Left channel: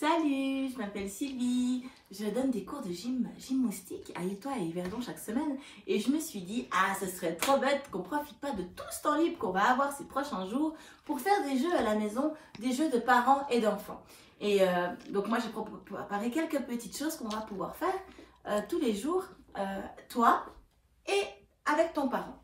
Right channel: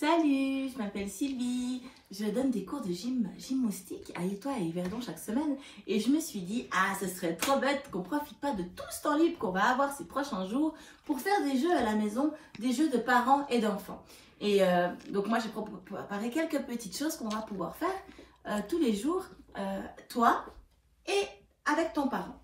Salut, je m'appelle Sylvie, je donne des cours de gymnastique à Étoile et Yverdon chaque semaine et je me suis dit, ce serait trop bête qu'on ne profite pas de tout ce temps libre qu'on va avoir ces prochains jours pour faire des jeux à la maison, des jeux de parents et d'enfants. Et donc moi j'ai préparé quelques petites choses qu'on va pouvoir faire tous les jours, toi et avec ton parent.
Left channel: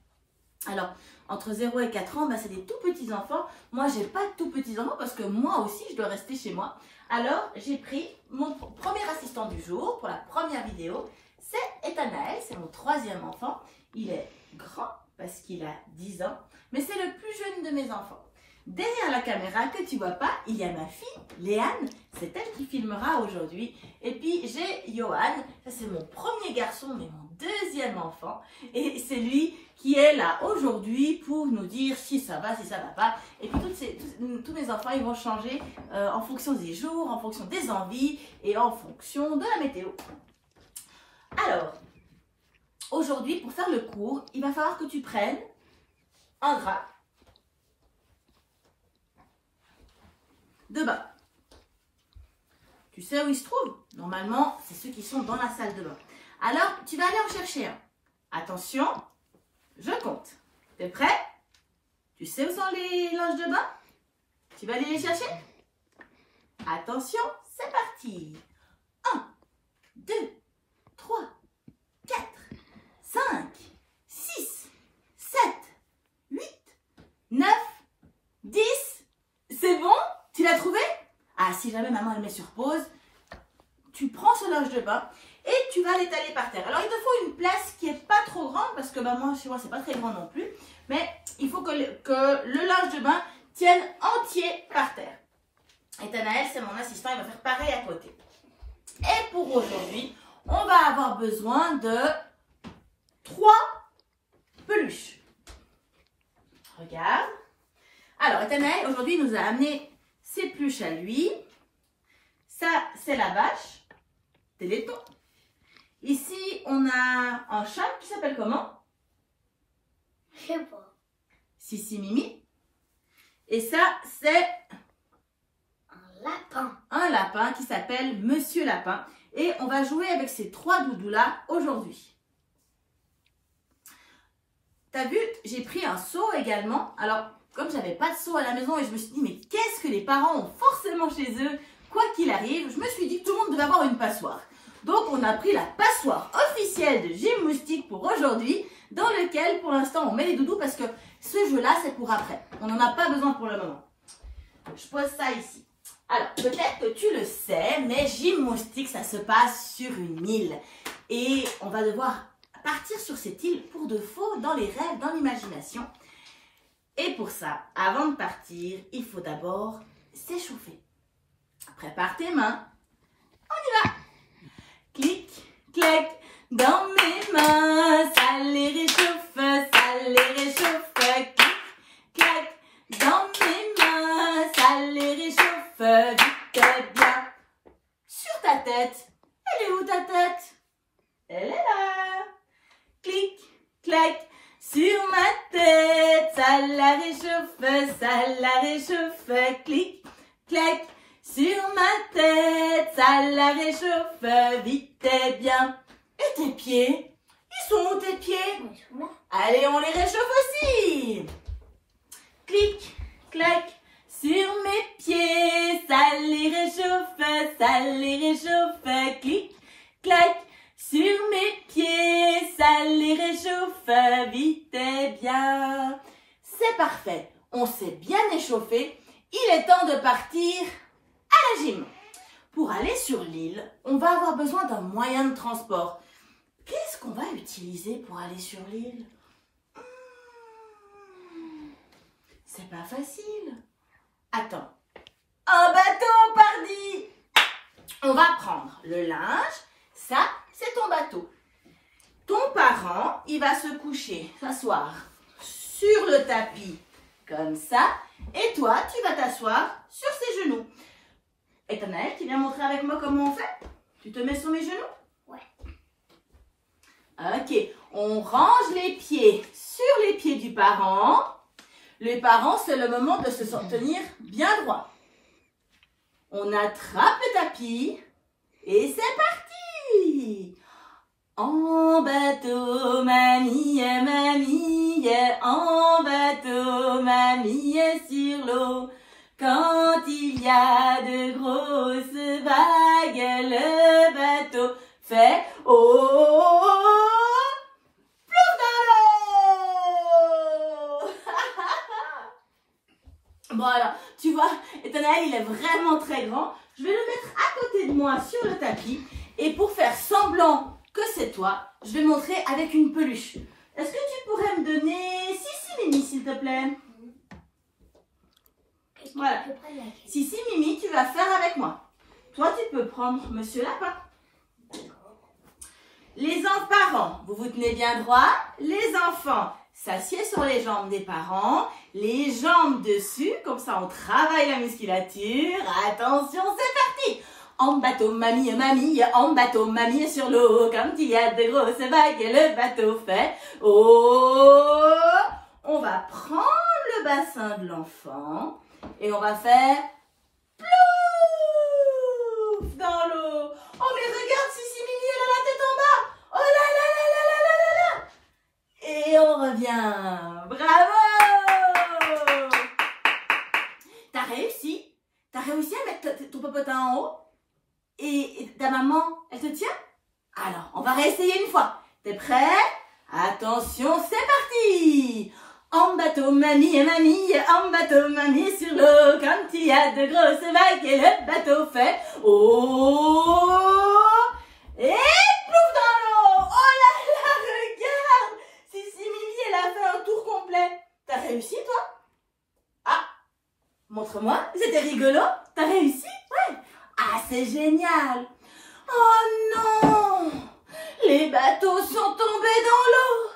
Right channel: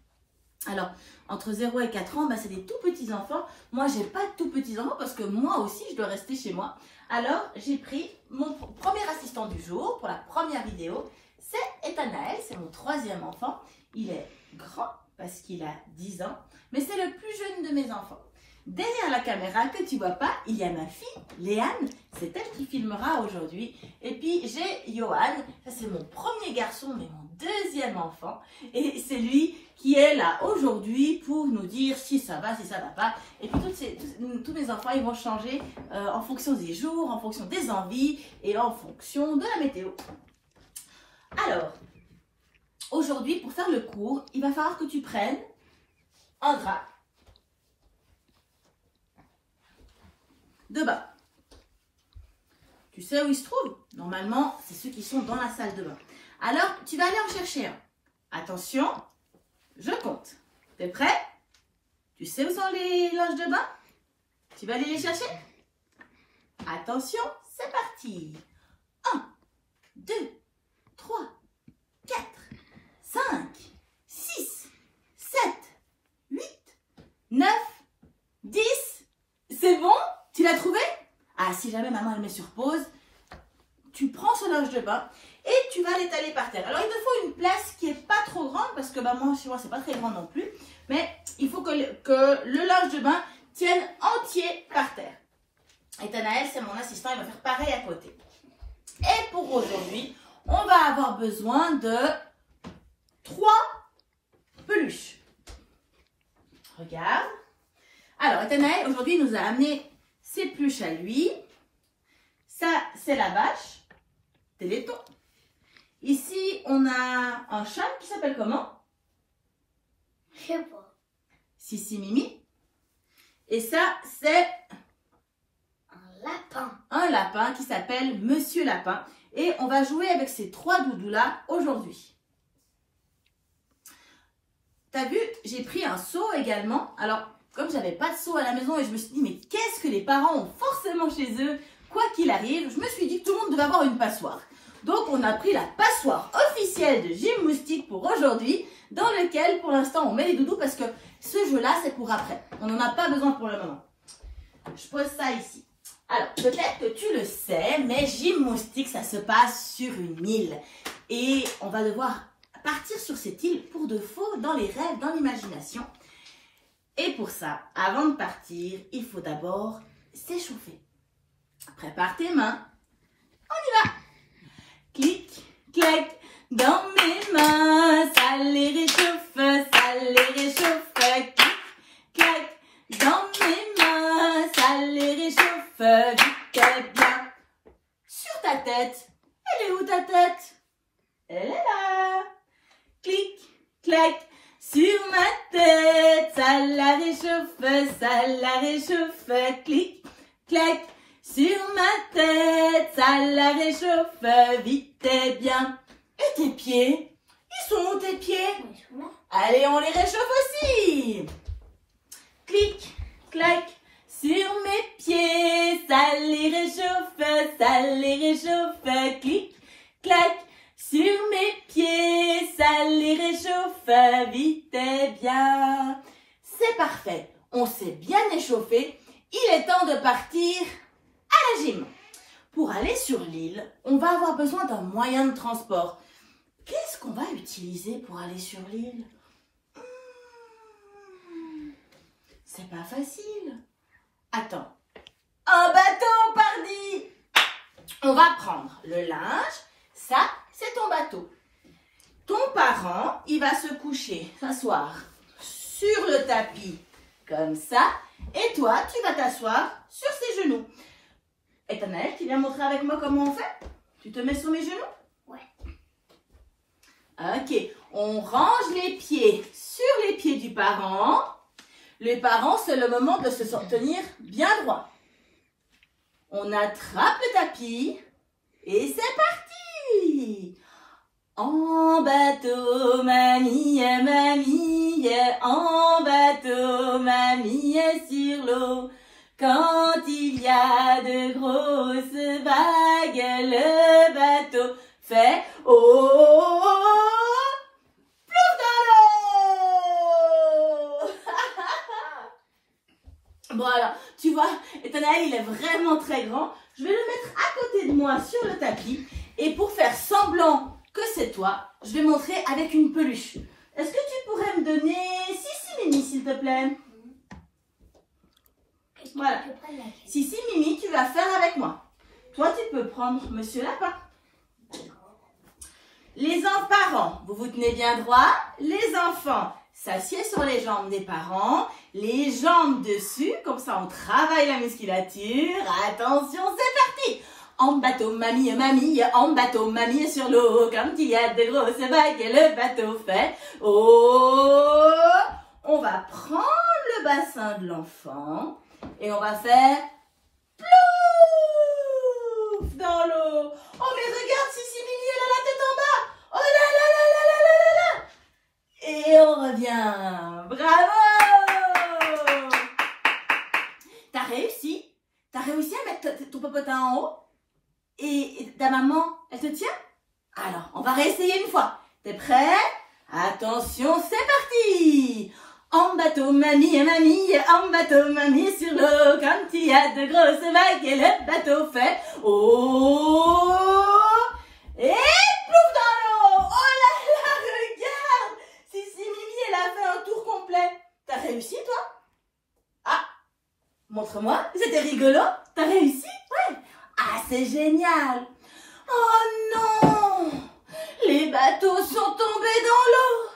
Alors, entre 0 et 4 ans, c'est des tout petits enfants. Moi, je n'ai pas de tout petits enfants parce que moi aussi, je dois rester chez moi. Alors, j'ai pris mon premier assistant du jour pour la première vidéo. C'est Ethanaël, c'est mon troisième enfant. Il est grand parce qu'il a 10 ans, mais c'est le plus jeune de mes enfants. Derrière la caméra que tu ne vois pas, il y a ma fille, Léane. C'est elle qui filmera aujourd'hui. Et puis, j'ai Johan. Ça, c'est mon premier garçon, mais mon deuxième enfant. Et c'est lui qui est là aujourd'hui pour nous dire si ça va, si ça va pas. Et puis, tous mes enfants, ils vont changer en fonction des jours, en fonction des envies et en fonction de la météo. Alors, aujourd'hui, pour faire le cours, il va falloir que tu prennes un drap de bain. Tu sais où il se trouve? Normalement, c'est ceux qui sont dans la salle de bain. Alors, tu vas aller en chercher un. Attention, je compte. T'es prêt? Tu sais où sont les linges de bain? Tu vas aller les chercher? Attention, c'est parti. 1, 2, 3, 4, 5, 6, 7, 8, 9, 10. C'est bon? Tu l'as trouvé? Si jamais maman elle met sur pause, tu prends ce linge de bain et tu vas l'étaler par terre. Alors il te faut une place qui n'est pas trop grande parce que moi chez moi c'est pas très grand non plus, mais il faut que le linge de bain tienne entier par terre. Et Ethanaël, c'est mon assistant, il va faire pareil à côté. Et pour aujourd'hui, on va avoir besoin de 3 peluches. Regarde. Alors Ethanaël aujourd'hui nous a amené ses peluches à lui. Ça, c'est la vache, Téléthon. Ici, on a un chat qui s'appelle comment? Je sais pas. Sissi Mimi. Et ça, c'est Un lapin. un lapin qui s'appelle Monsieur Lapin. Et on va jouer avec ces 3 doudous-là aujourd'hui. T'as vu, j'ai pris un seau également. Alors, comme j'avais pas de seau à la maison et je me suis dit, mais qu'est-ce que les parents ont forcément chez eux, quoi qu'il arrive, je me suis dit que tout le monde devait avoir une passoire. Donc, on a pris la passoire officielle de Gymnastique pour aujourd'hui, dans lequel, pour l'instant, on met les doudous parce que ce jeu-là, c'est pour après. On n'en a pas besoin pour le moment. Je pose ça ici. Alors, peut-être que tu le sais, mais Gymnastique, ça se passe sur une île. Et on va devoir partir sur cette île pour de faux, dans les rêves, dans l'imagination. Et pour ça, avant de partir, il faut d'abord s'échauffer. Prépare tes mains. On y va. Clic, clac, dans mes mains. Ça les réchauffe, ça les réchauffe. Clic, clac, dans mes mains. Ça les réchauffe vite et bien. Sur ta tête. Elle est où ta tête? Elle est là. Clic, clac. Sur ma tête, ça la réchauffe, clic, clac. Sur ma tête, ça la réchauffe vite et bien. Et tes pieds? Ils sont où tes pieds? Allez, on les réchauffe aussi. Clic, clac. Sur mes pieds, ça les réchauffe, clic, clac. Sur mes pieds, ça les réchauffe vite et bien. C'est parfait, on s'est bien échauffé. Il est temps de partir à la gym. Pour aller sur l'île, on va avoir besoin d'un moyen de transport. Qu'est-ce qu'on va utiliser pour aller sur l'île? C'est pas facile. Attends. Un bateau, pardi! On va prendre le linge. Ça, c'est ton bateau. Ton parent, il va se coucher, s'asseoir sur le tapis, comme ça. Et toi, tu vas t'asseoir sur ses genoux. Ethanaël, tu viens montrer avec moi comment on fait? Tu te mets sur mes genoux? Ouais. Ok, on range les pieds sur les pieds du parent. Le parent, c'est le moment de se tenir bien droit. On attrape le tapis et c'est parti. En bateau, mamie, mamie, en bateau, mamie est sur l'eau. Quand il y a de grosses vagues, le bateau fait oh, oh, oh, plouf dans l'eau. Bon alors, tu vois, Nathanaël il est vraiment très grand. Je vais le mettre à côté de moi sur le tapis. Et pour faire semblant que c'est toi, je vais montrer avec une peluche. Est-ce que tu pourrais me donner Sissi Mimi, s'il te plaît? Voilà. Sissi Mimi, tu vas faire avec moi. Toi, tu peux prendre Monsieur Lapin. Les parents, vous vous tenez bien droit. Les enfants s'assiedent sur les jambes des parents. Les jambes dessus, comme ça on travaille la musculature. Attention, c'est parti! En bateau, mamie, mamie, en bateau, mamie sur l'eau. Quand il y a de grosses vagues, le bateau fait oh. On va prendre le bassin de l'enfant et on va faire plouf dans l'eau. Oh mais regarde, Sissi Mimi, elle a la tête en bas. Oh là là là là là là là là. Et on revient. Bravo! T'as réussi? T'as réussi à mettre ton popotin en haut? Et ta maman, elle te tient? Alors, on va réessayer une fois. T'es prêt? Attention, c'est parti! En bateau, mamie, mamie, en bateau, mamie sur l'eau. Quand il y a de grosses vagues et le bateau fait oh. Et plouf dans l'eau! Oh là là, regarde! Sissi Mimi, elle a fait un tour complet. T'as réussi, toi? Ah! Montre-moi, c'était rigolo. T'as réussi? Ouais. Ah, c'est génial! Oh non! Les bateaux sont tombés dans l'eau!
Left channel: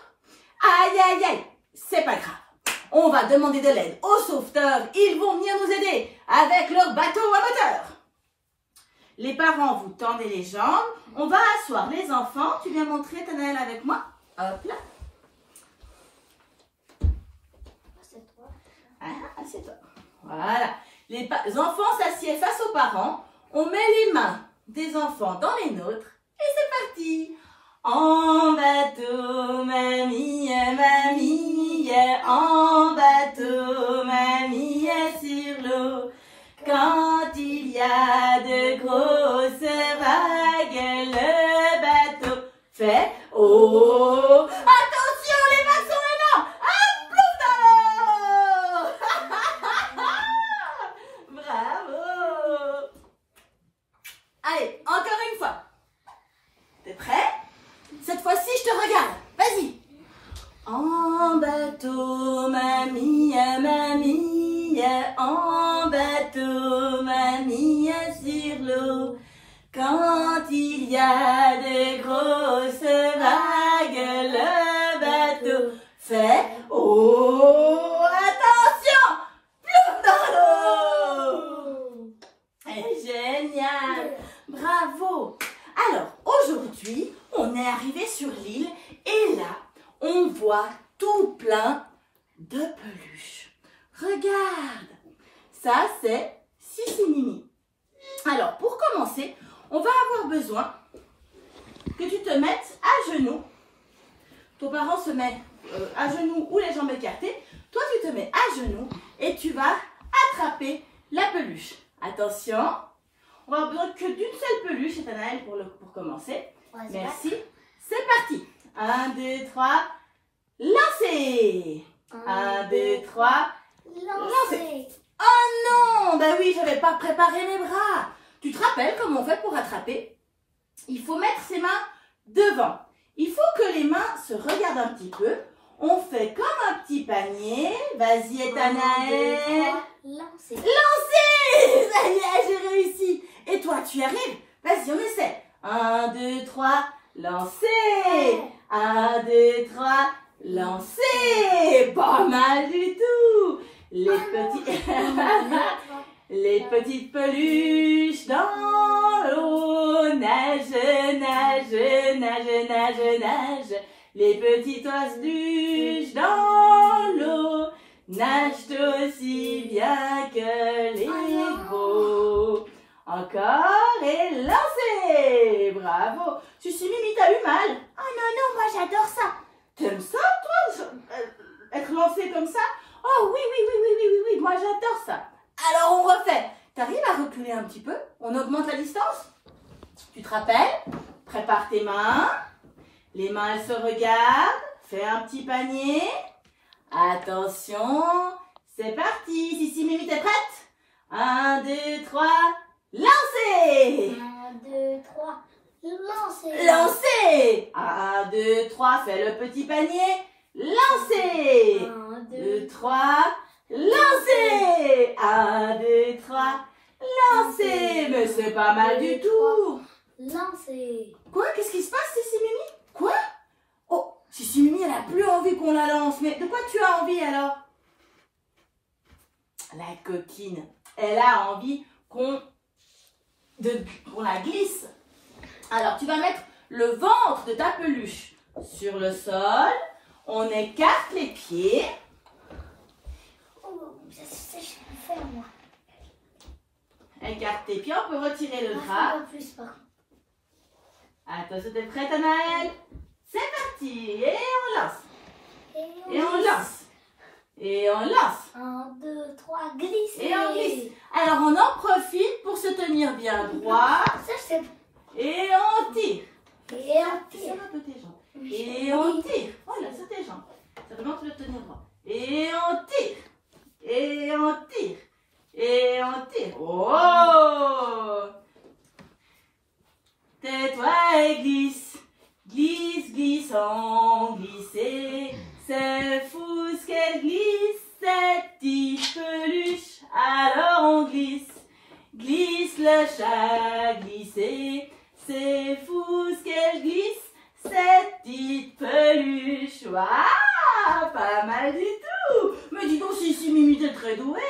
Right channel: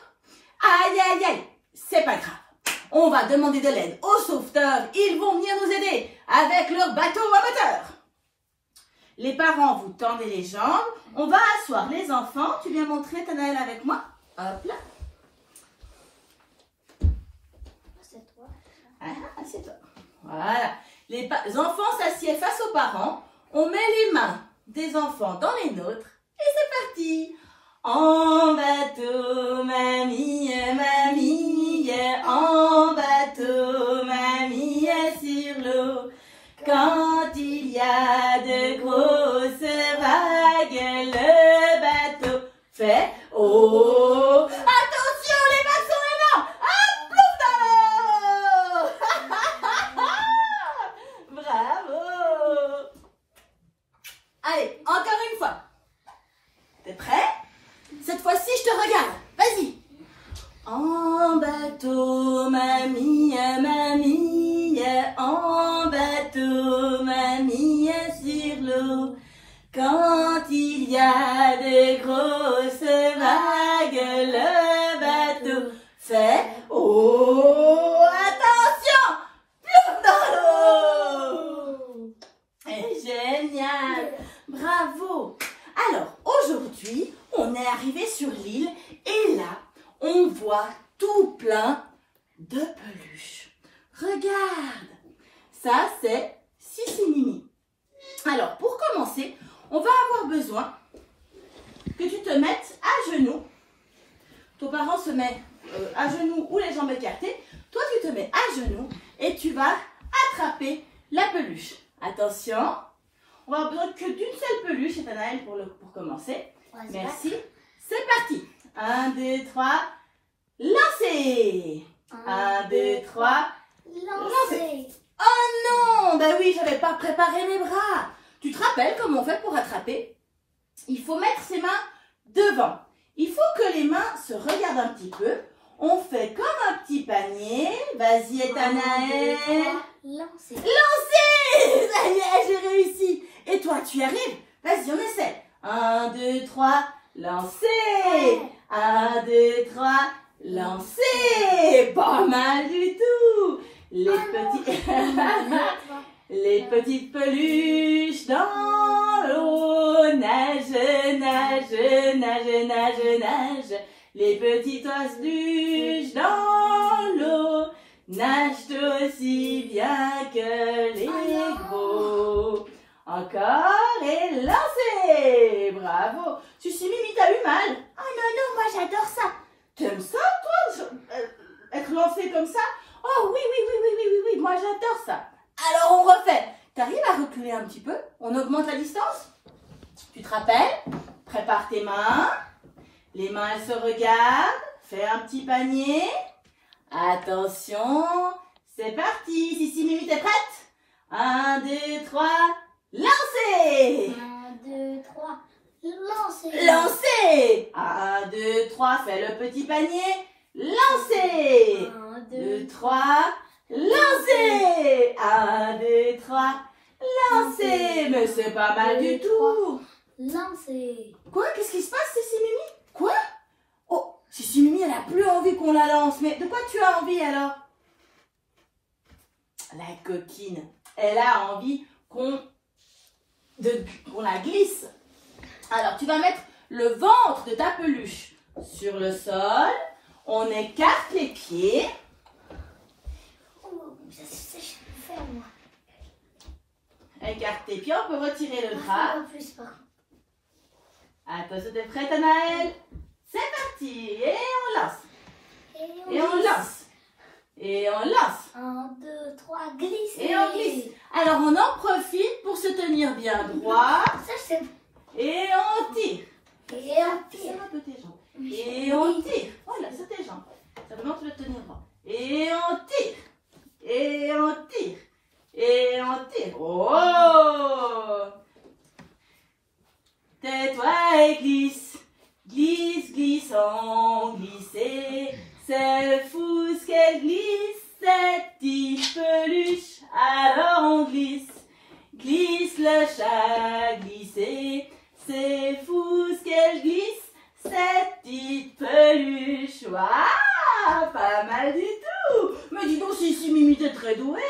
Aïe, aïe, aïe! C'est pas grave. On va demander de l'aide aux sauveteurs. Ils vont venir nous aider avec leur bateau à moteur. Les parents, vous tendez les jambes. On va asseoir les enfants. Tu viens montrer Nathanaël avec moi? Hop là. Ah, assieds-toi. Voilà. Les enfants s'assiedent face aux parents. On met les mains des enfants dans les nôtres et c'est parti. En bateau, mamie, mamie, en bateau, mamie est sur l'eau. Quand il y a de grosses vagues, le bateau fait oh. Attention, les vagues sont énormes. Ah, plouf dans l'eau. Bravo. Allez, encore une fois. T'es prêt? Cette fois-ci, je te regarde. Vas-y. En bateau, mamie, mamie, en bateau, mamie sur l'eau. Quand il y a de grosses vagues, le bateau fait oh. Attention, plouf dans l'eau. Génial. Bravo. Alors, aujourd'hui, on est arrivé sur l'île et là, on voit tout plein de peluches. Regarde, ça c'est Sissi Mimi. Alors, pour commencer, on va avoir besoin que tu te mettes à genoux. Ton parent se met à genoux ou les jambes écartées. Toi, tu te mets à genoux et tu vas attraper la peluche. Attention. On va avoir besoin que d'une seule peluche, Nathanaël, pour commencer. Ouais, merci. C'est parti. 1, 2, 3. Lancez. 1, 2, 3. Lancez. Oh non. Ben oui, je n'avais pas préparé les bras. Tu te rappelles comment on fait pour attraper? Il faut mettre ses mains devant. Il faut que les mains se regardent un petit peu. On fait comme un petit panier. Vas-y, Nathanaël. Lancez. Lancez. Ça y est, j'ai réussi. Et toi, tu y arrives? Vas-y, on essaie. 1, 2, 3, lancez. 1, 2, 3, lancez. Pas mal du tout. Les petites peluches dans l'eau. Nage, nage, nage, nage, nage. Les petites oiseluches dans l'eau. Nagent aussi bien que les gros. Encore et lancez. Bravo. Sissi Mimi, t'as eu mal? Oh non, non, moi j'adore ça. T'aimes ça, toi, être lancé comme ça? Oh oui, oui, oui, oui, oui, oui, oui, moi j'adore ça. Alors on refait. T'arrives à reculer un petit peu? On augmente la distance? Tu te rappelles? Prépare tes mains. Les mains, elles se regardent. Fais un petit panier. Attention. C'est parti. Sissi Mimi, t'es prête? 1, 2, 3. Lancez! 1, 2, 3. Lancez. Lancez! 1, 2, 3. Fais le petit panier. Lancez! 1, 2, 3. Lancez! 1, 2, 3. Lancez! Mais c'est pas mal du tout. Lancez. Quoi? Qu'est-ce qui se passe, Sissi Mimi? Quoi? Oh, Sissi Mimi, elle a plus envie qu'on la lance. Mais de quoi tu as envie alors? La coquine, elle a envie qu'on la glisse. Alors, tu vas mettre le ventre de ta peluche sur le sol. On écarte les pieds. Oh, ça je peux faire moi. Écarte tes pieds, on peut retirer le drap. En plus, par contre. Attention, t'es prête, Anaëlle? C'est parti. Et on lance. Et on lance. Et on lance. 1, 2, 3, glisse. Et on glisse. Alors, on en profite pour se tenir bien droit. Ça, c'est. Et on tire. Et on tire. Ça va peu tes jambes. Et on tire. Voilà, sur tes jambes. Ça demande de le tenir droit. Et on tire. Et on tire. Et on tire. Oh! Tais-toi et glisse. Glisse, glissant, glisser. C'est fou ce qu'elle glisse, cette petite peluche. Alors on glisse. Glisse le chat, glisser. C'est fou ce qu'elle glisse, cette petite peluche. Waouh, pas mal du tout. Mais dis donc, Sissi Mimi, t'es très douée.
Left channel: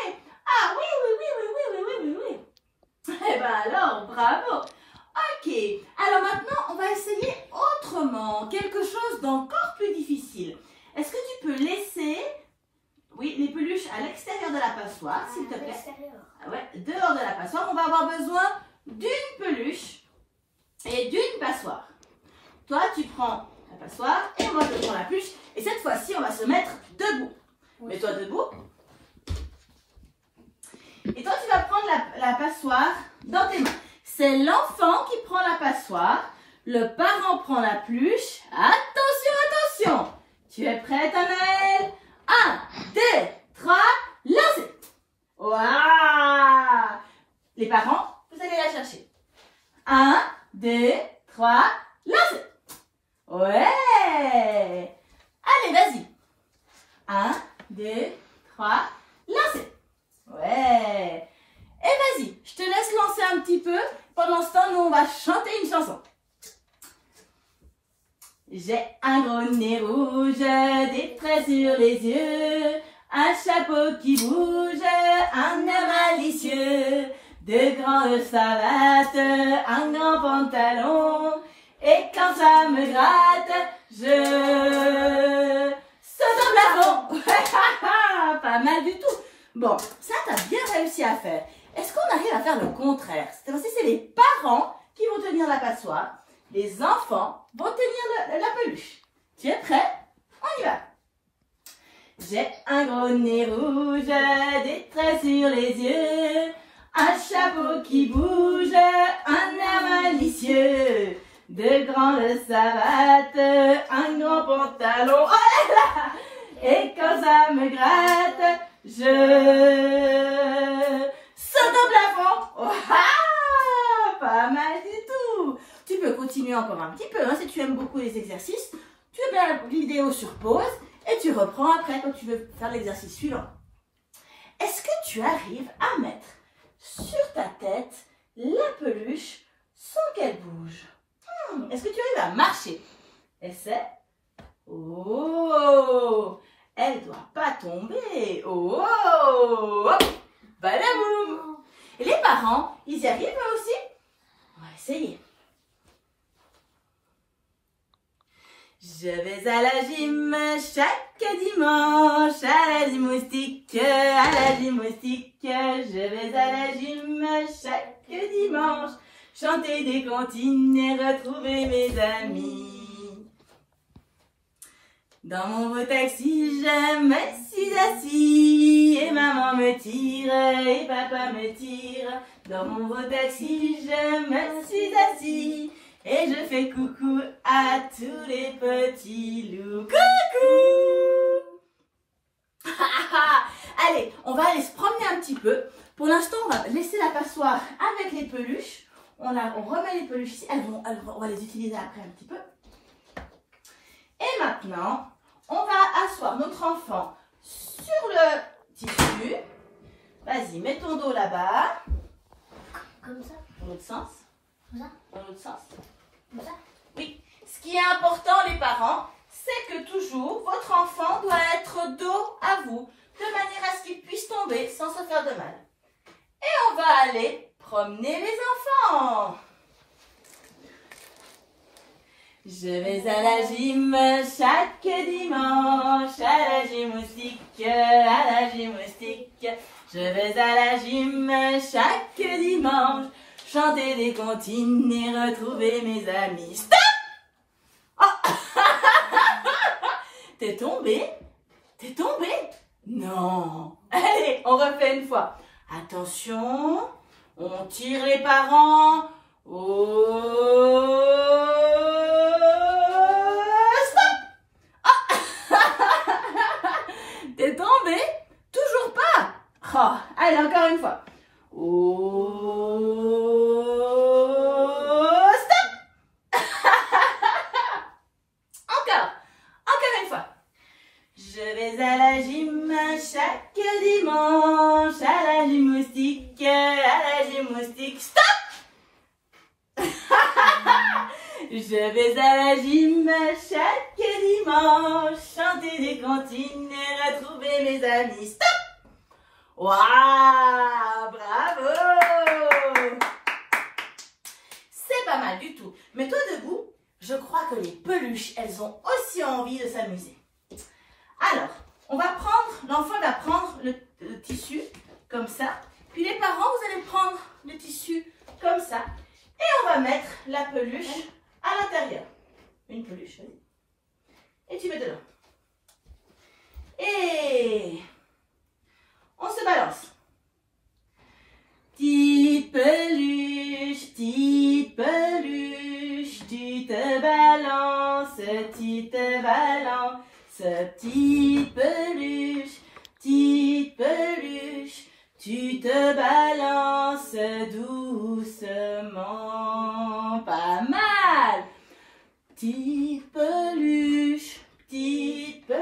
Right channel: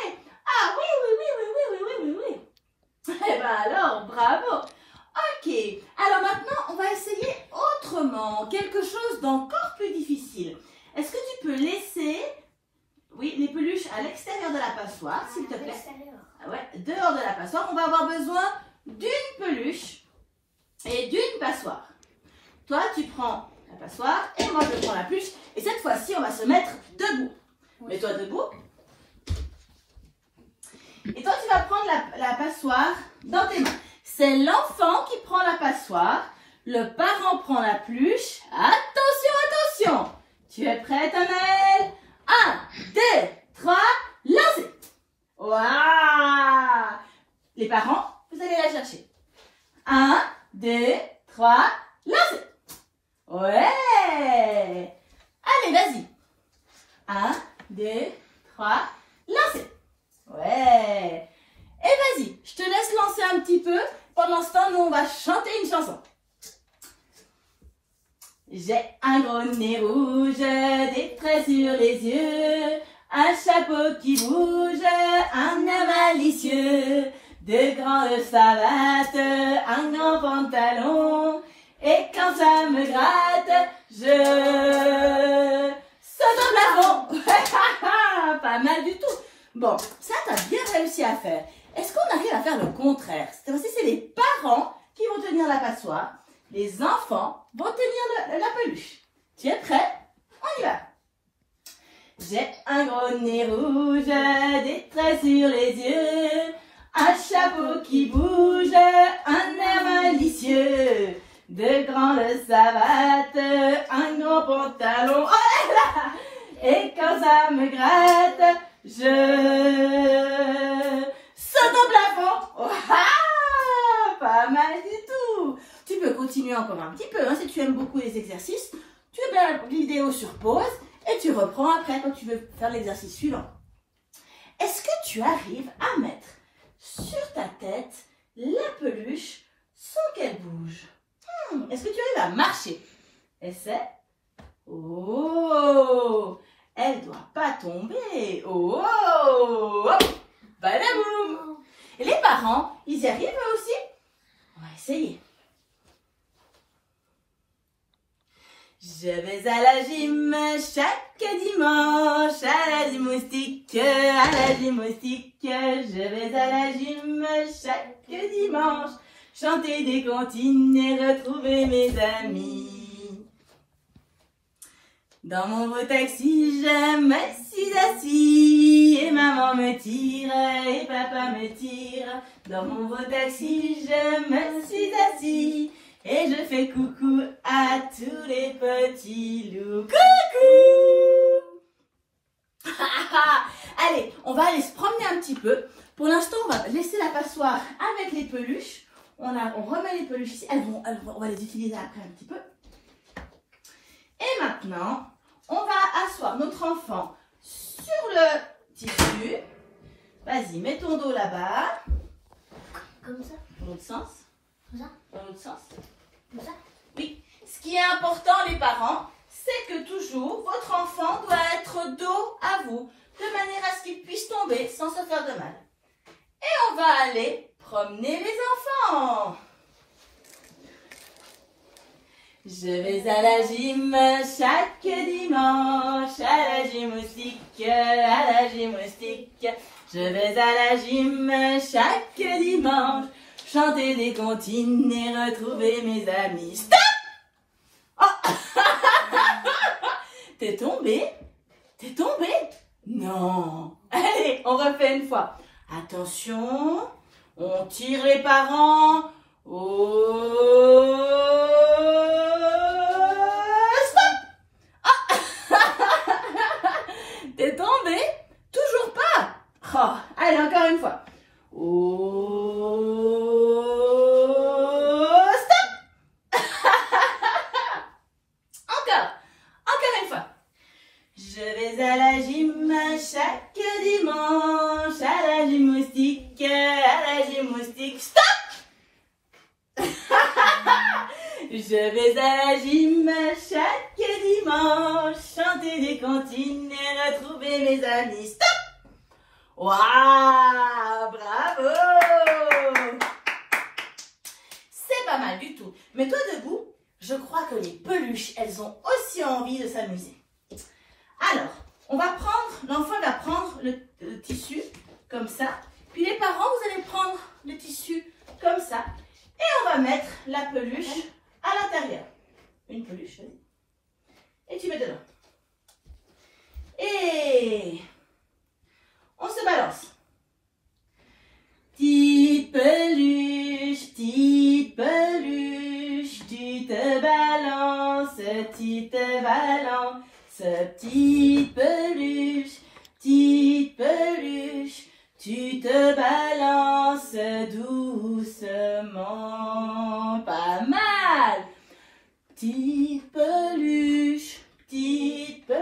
Ah oui, oui, oui, oui, oui, oui, oui, oui, oui. Eh ben alors, bravo. Ok, alors maintenant, on va essayer autrement, quelque chose d'encore plus difficile. Est-ce que tu peux laisser, oui, les peluches à l'extérieur de la passoire, s'il te plaît? Ah ouais, dehors de la passoire, on va avoir besoin d'une peluche et d'une passoire. Toi, tu prends la passoire et moi, je prends la peluche. Et cette fois-ci, on va se mettre debout. Mets-toi debout. Et toi, tu vas prendre la passoire dans tes mains. C'est l'enfant qui prend la passoire. Le parent prend la peluche. Attention, attention. Tu es prête, Anaëlle? 1, 2, 3, lancez. Waouh! Les parents, vous allez la chercher. 1, 2, 3, lancez. Ouais! Allez, vas-y. 1, 2, 3, lancez. Ouais! Et vas-y, je te laisse lancer un petit peu. Pendant ce temps, nous, on va chanter une chanson. J'ai un gros nez rouge, des traits sur les yeux, un chapeau qui bouge, un air malicieux, de grandes savates, un grand pantalon, et quand ça me gratte, je saute en plafond. Pas mal du tout. Bon, ça, tu as bien réussi à faire. Est-ce qu'on arrive à faire le contraire? Cette fois-ci, c'est les parents qui vont tenir la passoire. Les enfants vont tenir la peluche. Tu es prêt? On y va. J'ai un gros nez rouge, des traits sur les yeux, un chapeau qui bouge, un air malicieux, de grandes savates, un grand pantalon. Oh là là! Et quand ça me gratte, je saute au plafond. Oh, ah, pas mal du tout. Tu peux continuer encore un petit peu, hein, si tu aimes beaucoup les exercices. Tu mets la vidéo sur pause et tu reprends après quand tu veux faire l'exercice suivant. Est-ce que tu arrives à mettre sur ta tête la peluche sans qu'elle bouge? Est-ce que tu arrives à marcher? Essaie. Oh! Elle ne doit pas tomber. Oh! Hop! Badaboum! Et les parents, ils y arrivent eux aussi? On va essayer. Je vais à la gym chaque dimanche, à la gymnastique, à la gymnastique. Je vais à la gym chaque dimanche, chanter des comptines et retrouver mes amis. Dans mon beau taxi, je me suis assis et maman me tire et papa me tire. Dans mon beau taxi, je me suis assis et je fais coucou à tous les petits loups. Coucou! Allez, on va aller se promener un petit peu. Pour l'instant, on va laisser la passoire avec les peluches. On remet les peluches ici. On va les utiliser après un petit peu. Et maintenant, on va asseoir notre enfant sur le tissu. Vas-y, mets ton dos là-bas. Comme ça. Dans l'autre sens. Comme ça. Dans l'autre sens. Comme ça. Oui. Ce qui est important, les parents, c'est que toujours, votre enfant doit être dos à vous, de manière à ce qu'il puisse tomber sans se faire de mal. Et on va aller promener les enfants. Je vais à la gym chaque dimanche, à la gymnastique, à la gymnastique. Je vais à la gym chaque dimanche, chanter des comptines et retrouver mes amis. Stop! Oh! T'es tombé? T'es tombé? Non. Allez, on refait une fois. Attention, on tire les parents. Oh! T'es tombé? Toujours pas? Oh, allez, encore une fois. Oh, stop! Encore une fois. Je vais à la gym chaque dimanche, à la gymnastique, stop! Je vais à la gym chaque dimanche, chanter des comptines et retrouver mes amis. Stop! Waouh! Bravo! C'est pas mal du tout. Mets-toi debout. Je crois que les peluches, elles ont aussi envie de s'amuser. Alors, l'enfant va prendre le tissu comme ça. Puis les parents, vous allez prendre le tissu comme ça. Et on va mettre la peluche à l'intérieur. Une peluche, oui. Et tu mets dedans. Et on se balance. Petite peluche, tu te balances, tu te balances. Petite peluche, tu te balances doucement. Pas mal. Petite peluche, tu te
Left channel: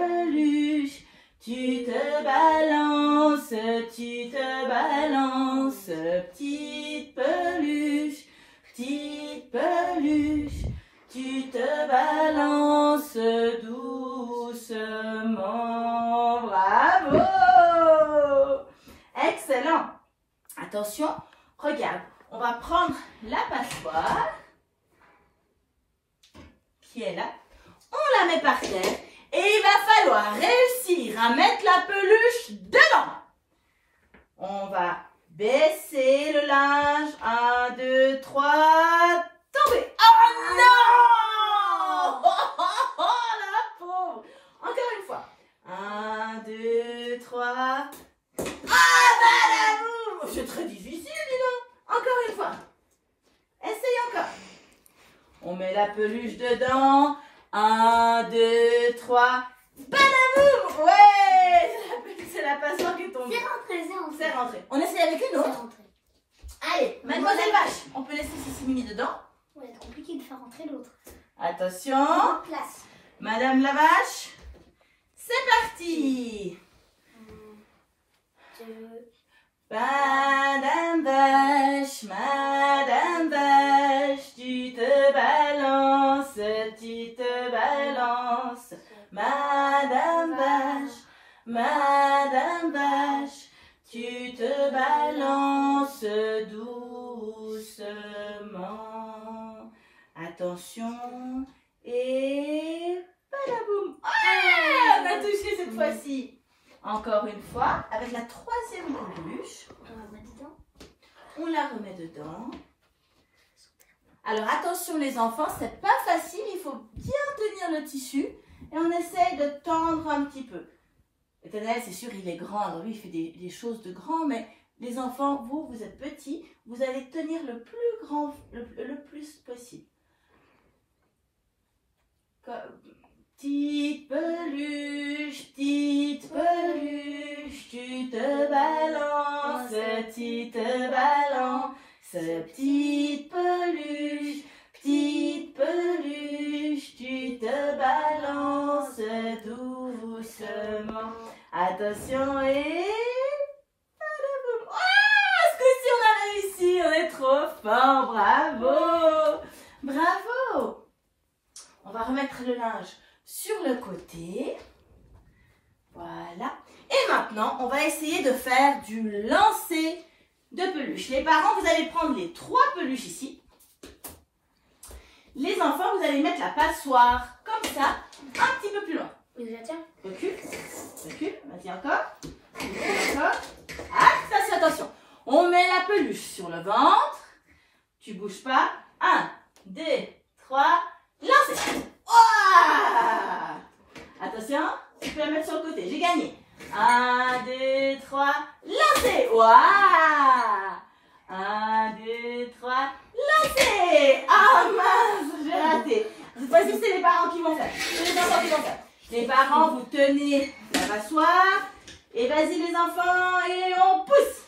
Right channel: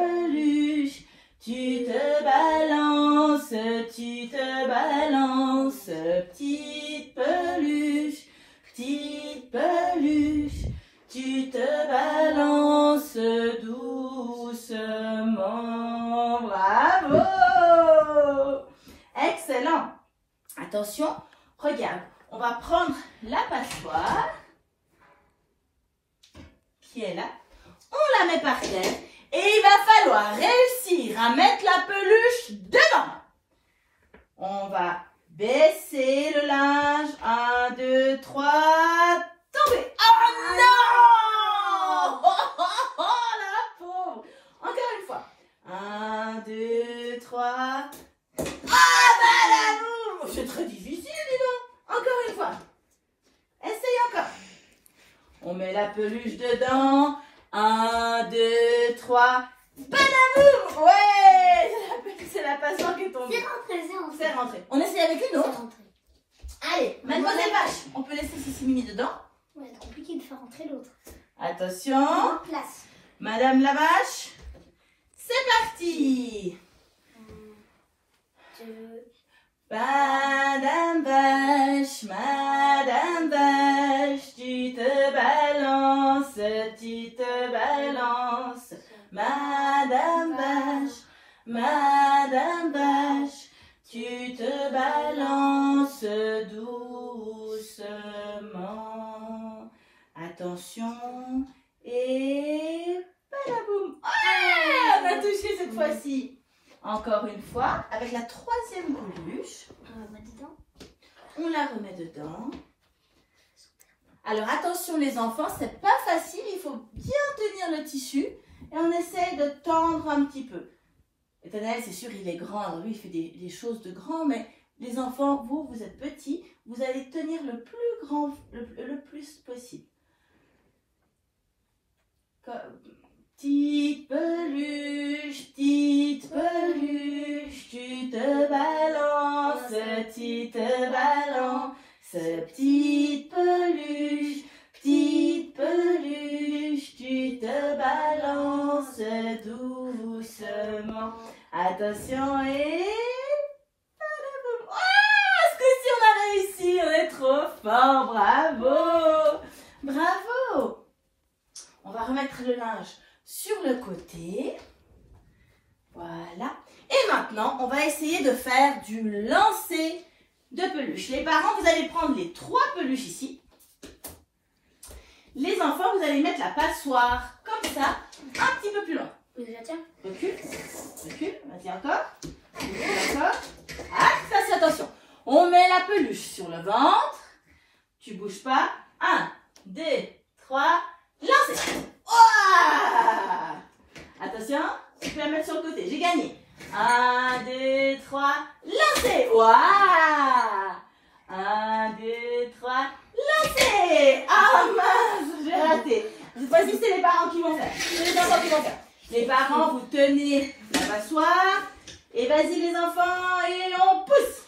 balances, tu te balances. Petite peluche, tu te balances doucement. Bravo! Excellent. Attention, regarde, on va prendre la passoire qui est là. On la met par terre et il va falloir réussir à mettre la peluche dedans. On va baisser le linge. 1, 2, 3, tomber. Oh non! Oh, la pauvre. Encore une fois. 1, 2, 3. Ah, bah c'est très difficile, dis donc. Encore une fois. Essaye encore. On met la peluche dedans. 1, 2, 3. Balaboum! Ouais! C'est la passoire qui est tombée. C'est rentré. On essaye avec une autre. Allez, mademoiselle Vache, on peut laisser Sissi Mimi dedans. Ouais, c'est compliqué de faire rentrer l'autre. Attention. Place. Madame la Vache, c'est parti. 1, 2. Madame Vache, tu te balances, tu te balances. Madame Vache, tu te balances doucement. Attention et cette fois-ci, encore une fois, avec la troisième peluche. On va mettre dedans. On la remet dedans. Alors attention les enfants, c'est pas facile, il faut bien tenir le tissu et on essaie de tendre un petit peu. Nathanaël, c'est sûr, il est grand, alors lui il fait des choses de grand, mais les enfants, vous êtes petits, vous allez tenir le plus grand, le plus possible. Petite peluche, tu te balances, tu te balances, petite peluche, tu te balances doucement. Attention et... ce coup-ci on a réussi, on est trop fort, bravo, bravo. On va remettre le linge sur le côté. Voilà. Et maintenant, on va essayer de faire du lancer de peluches. Les parents, vous allez prendre les 3 peluches ici. Les enfants, vous allez mettre la passoire comme ça, un petit peu plus loin. Tiens. Recule, vas-y encore. Encore. Ah, attention. On met la peluche sur le ventre. Tu bouges pas. 1, 2, 3, lancez. Oh, attention, tu peux la mettre sur le côté. J'ai gagné. 1, 2, 3, lancez. Wow. 1, 2, 3, lancez. Ah mince, j'ai raté. Cette fois-ci, c'est les parents qui vont faire. C'est les enfants qui vont faire. Les parents, vous tenez la passoire. Et vas-y les enfants, et on pousse.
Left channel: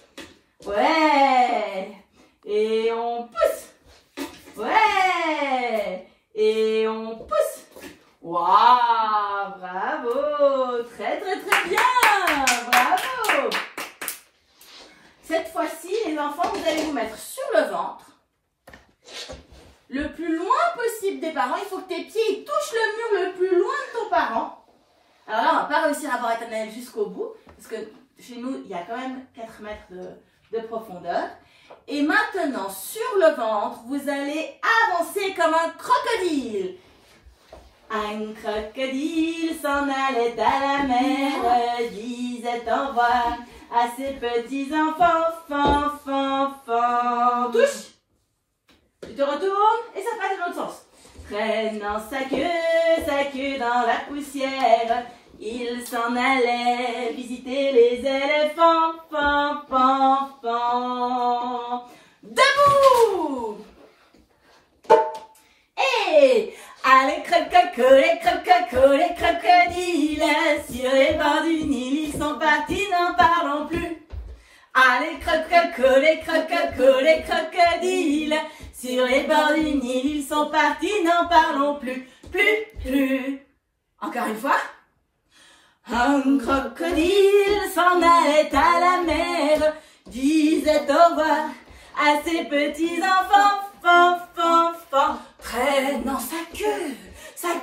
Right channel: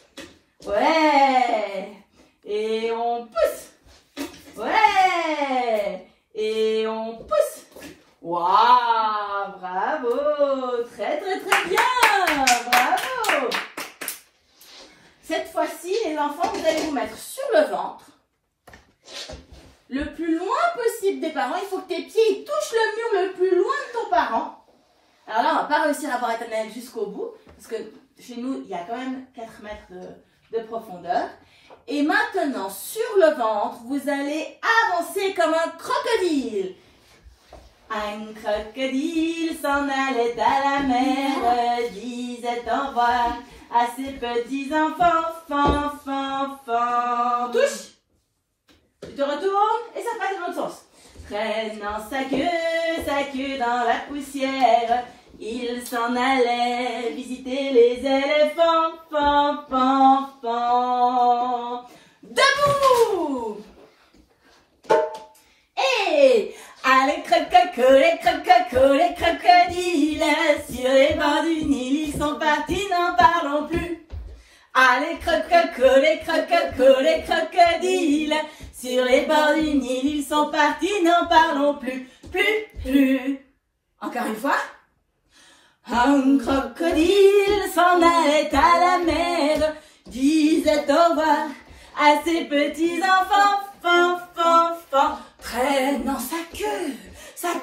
Ouais. Et on pousse. Ouais. Et on pousse. Waouh, bravo. Très, très, très bien. Bravo. Cette fois-ci, les enfants, vous allez vous mettre sur le ventre. Le plus loin possible des parents. Il faut que tes pieds touchent le mur le plus loin de ton parent. Alors là, on ne va pas réussir à avoir Nathanaël jusqu'au bout. Parce que chez nous, il y a quand même 4 mètres de profondeur. Et maintenant, sur le ventre, vous allez avancer comme un crocodile. Un crocodile s'en allait à la mer, disait au revoir à ses petits enfants, touche. Tu te retournes et ça passe dans l'autre sens. Traînant sa queue dans la poussière, il s'en allait visiter les éléphants, Debout! Et allez, les crocodiles, sur les bords du Nil, ils sont partis, n'en parlons plus. Allez, les crocodiles, sur les bords du Nil, ils sont partis, n'en parlons plus. Plus. Encore une fois. Un crocodile s'en allait à la mer, disait au revoir à ses petits enfants, traînant sa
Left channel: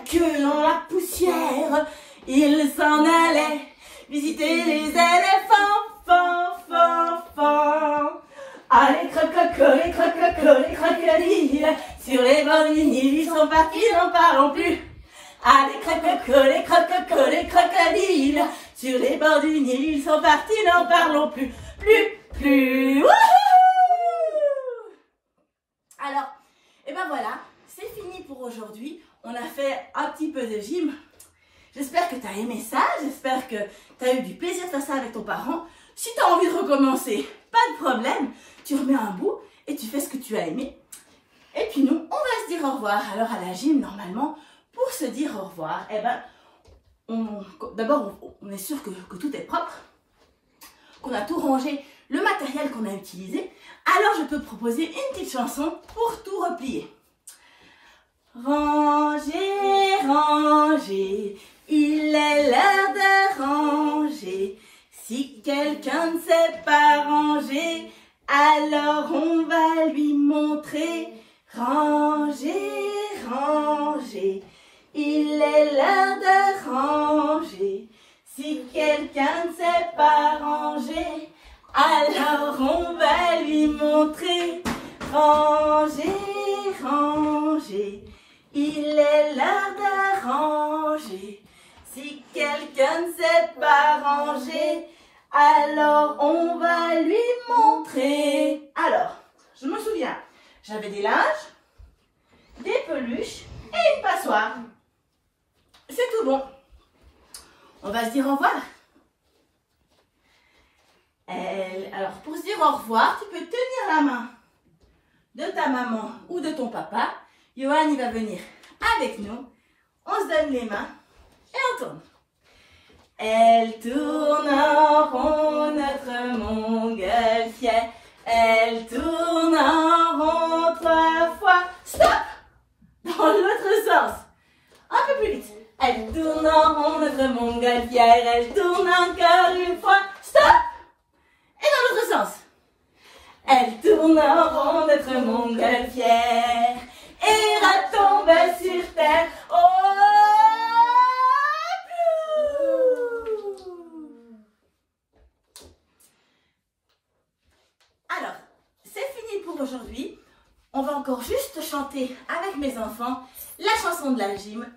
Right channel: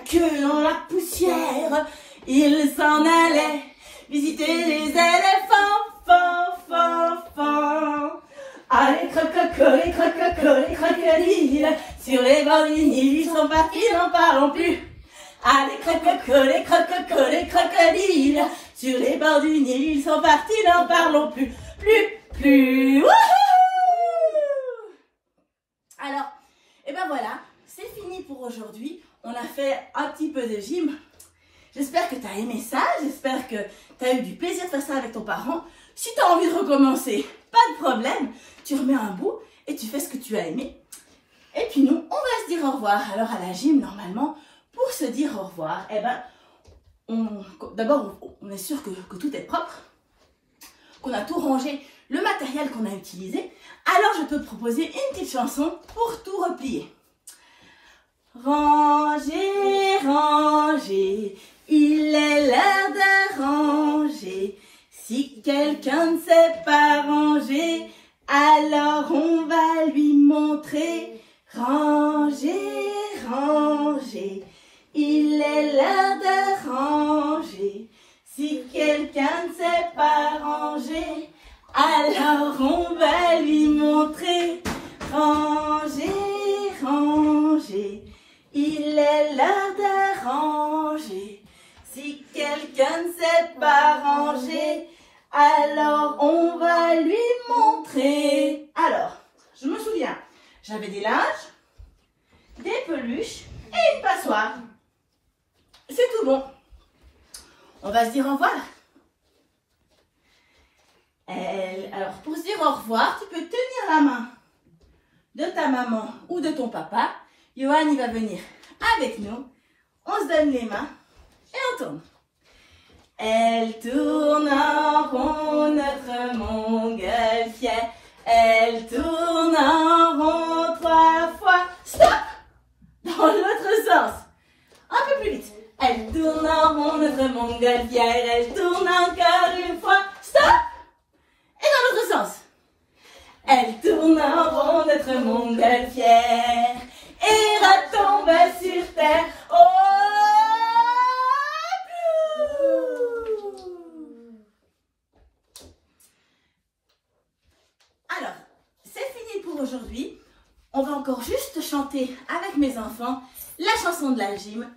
queue dans la poussière, il s'en allait visiter les éléphants, Allez, les crocodiles, sur les bords du Nil, ils sont partis, n'en parlons plus. Allez, les crocodiles, sur les bords du Nil, ils sont partis, n'en parlons plus. Plus. Wouhou! Alors, et ben voilà, c'est fini pour aujourd'hui. On a fait un petit peu de gym. J'espère que tu as aimé ça. J'espère que tu as eu du plaisir de faire ça avec ton parent. Si tu as envie de recommencer, pas de problème. Tu remets un bout et tu fais ce que tu as aimé. Et puis nous, on va se dire au revoir. Alors à la gym, normalement, pour se dire au revoir, eh ben, d'abord, on est sûr que tout est propre, qu'on a tout rangé, le matériel qu'on a utilisé. Alors, je peux te proposer une petite chanson pour tout replier. Ranger, ranger, il est l'heure de ranger. Si quelqu'un ne sait pas ranger, alors on va lui montrer. Ranger, ranger, il est l'heure de ranger. Si quelqu'un ne sait pas ranger, alors on va lui montrer. Ranger, ranger, il est l'heure de ranger. Si quelqu'un ne s'est pas rangé, alors on va lui montrer. Alors, je me souviens, j'avais des linges, des peluches et une passoire. C'est tout bon. On va se dire au revoir. Alors, pour se dire au revoir, tu peux tenir la main de ta maman ou de ton papa. Johan, il va venir avec nous. On se donne les mains et on tourne. Elle tourne en rond, notre montgolfière. Elle tourne en rond 3 fois. Stop! Dans l'autre sens. Un peu plus vite. Elle tourne en rond, notre montgolfière. Elle tourne encore une fois. Stop! Et dans l'autre sens. Elle tourne en rond, notre montgolfière. Et retombe sur terre. Oh! Alors, c'est fini pour aujourd'hui. On va encore juste chanter avec mes enfants la chanson de la gym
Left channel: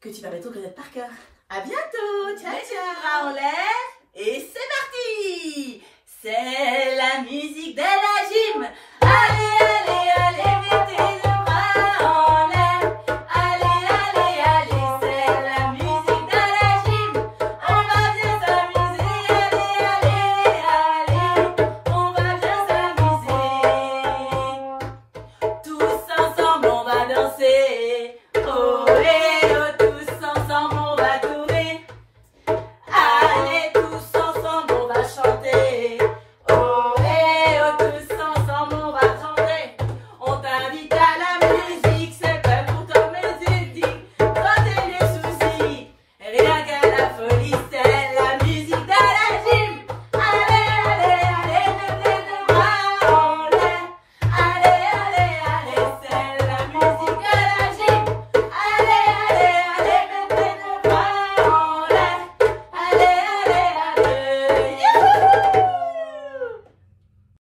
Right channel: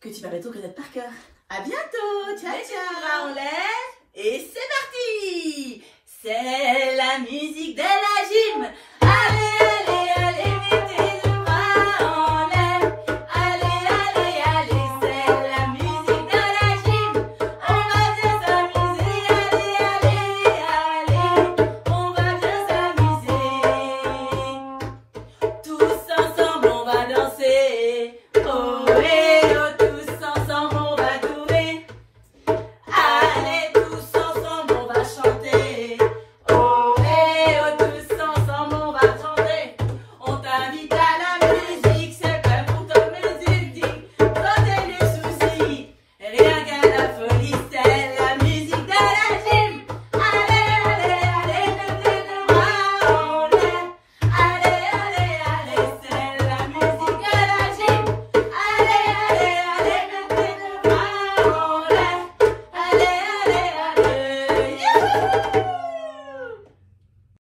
que tu vas bientôt connaître par cœur. À bientôt. Ciao, ciao. Bras en l'air. Et c'est parti. C'est la musique de la gym.